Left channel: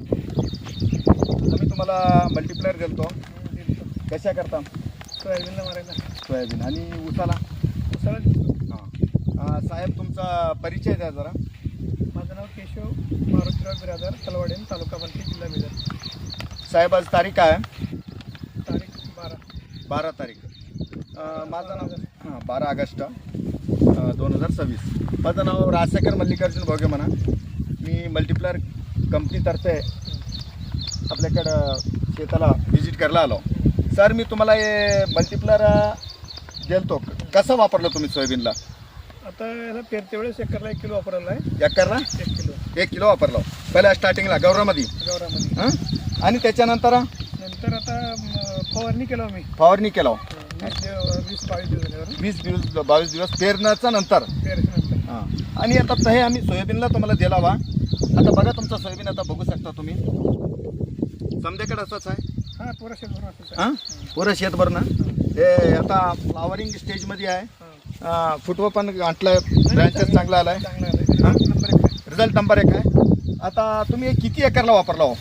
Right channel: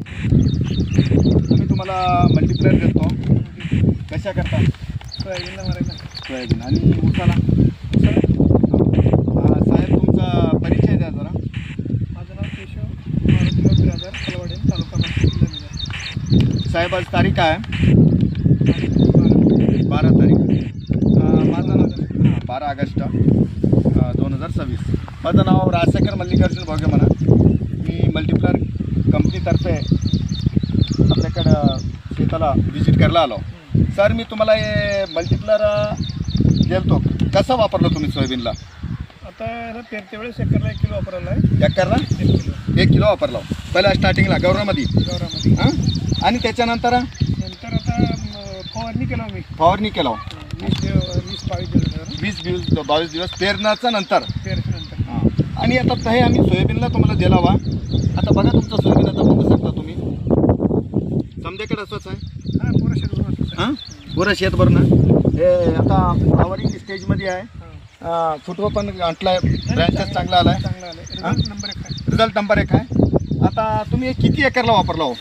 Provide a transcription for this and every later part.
आम्ही तुम्हाला मल्टीप्लायर देतो. कशा करता? सोयाबीनला मारायचा. सोयाबीन आणि उसाला. साहेब तुमचा परिचय द्या जरा. माझं नाव केशव मारुतीराव बिरादर, कलवाडे, तालुका पंचायत, जिल्हा बिदर. साहेब आज तारीख काय आहे? 12 तारीख. माझं नाव 12 ऑगस्ट 2026. माझं नाव राजशेखर मल्लिकार्जुन भोगे म्हणा. मी मल्टीप्लायर कंपनीतर्फे आपल्याकडं शेताला व्हिजिट करायला आलो. सर मी तुम्हाला हे मल्टीप्लायर देतो. कसं वापरलं तुम्ही सोयाबीनला? आता ह्याला पेरते वेळेस एकरला 1 किलो वापरायला आहे. एकरला 1 किलो 1 किलो वापरला पहिल्या स्टार्टिंगला गौरामध्ये. गौरामध्ये. हां आणि त्याच्यानंतर नंतर आता फवारणी केला मी. फवारणी केला 20-22 दिवसावर. 20-22 दिवस पेरण्याच्या नंतर. पेरल्यानंतर हां आणि आता हे आम्ही सोयाबीनला तुम्हाला दिला वा. आता बघा तुमचा सोयाबीन आता बघू शकता तुम्ही. समद्याकडे असंच आहे. हां पुरा शेत. हां पुरं शेतभर ना. हे आता फ्लावरिंग स्टेजमध्ये आहे. फुटवा पण गाठला आहे. ब्रँचेस चांगला आला आहे. चांगला आहे. हां नंबर 1 आहे. रिझल्ट नंबर 1 आहे. आता तुम्ही हे किती एकरला वापरला हो?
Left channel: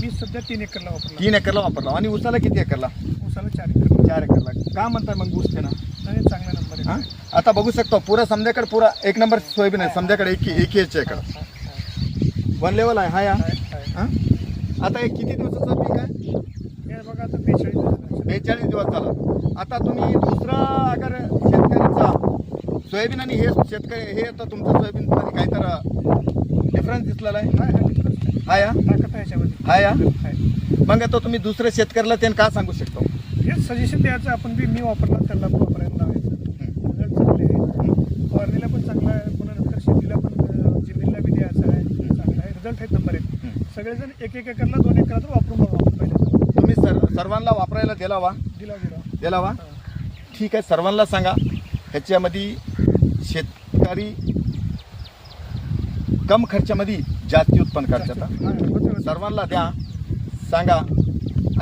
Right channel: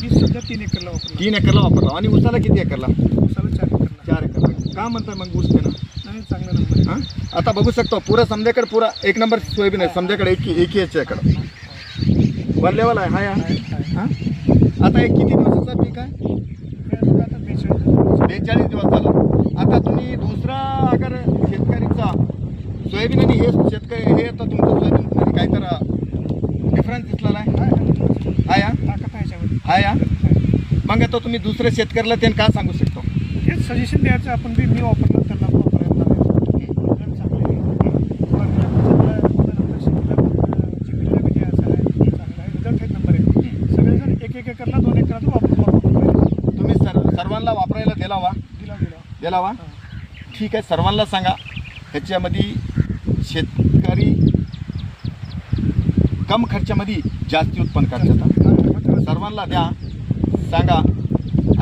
मी सध्या 3 एकरला वापरला. 3 एकरला वापरला. आणि उसाला किती एकरला? उसाला 4 एकर. 4 एकरला. का म्हणतात मग ऊस ते ना? आणि चांगला नंबर आहे. हां आता बघू शकतो पुरा समद्याकडे पुरा 1 नंबर सोयाबीन आहे. समद्याकडे एक एकरं वन लेवल आहे. हा या हां आता हे किती दिवसाचं पीक आहे? हे बघा आता 42 दिवस झाला. आता तुम्ही दुसरा अगर शेतकऱ्याचा सोयाबीन आणि हे शेतकरी हे तर तुमचं सोयाबीन काहीतरी डिफरन्स दिसलेला आहे. हा या ताकद आहे याच्यामध्ये. हा या मग आता तुम्ही दुसऱ्या शेतकऱ्याला त्यांना काय सांगू शकतो? हेच सजेशन द्यायचं आपण बी. मी वापरला त्यांना वापरायला फवारणीला पण चांगला आहे. नंतर शेतीला पण जमिनीला बी द्यायचा आहे. चांगला आहे. रिझल्ट आहे नंबर 1. सगळेजण 1 एकरला 2 एकरात वापरून तुम्ही सर्वांना वापरायला दिला वा? दिला वा. ठीक आहे सर्वांना सांगा. ह्याच्यामध्ये शेतकरी कम खर्चामध्ये जास्ती उत्पन्न करतात. सर्वांना द्या सांगा.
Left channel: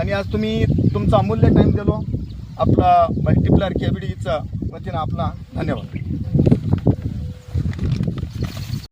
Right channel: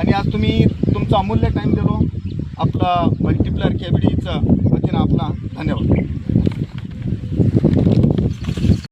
आणि आज तुम्ही तुमचा अमूल्य टाईम दिलो. आपला मल्टीप्लायर केबीडीचा वतीनं आपला धन्यवाद.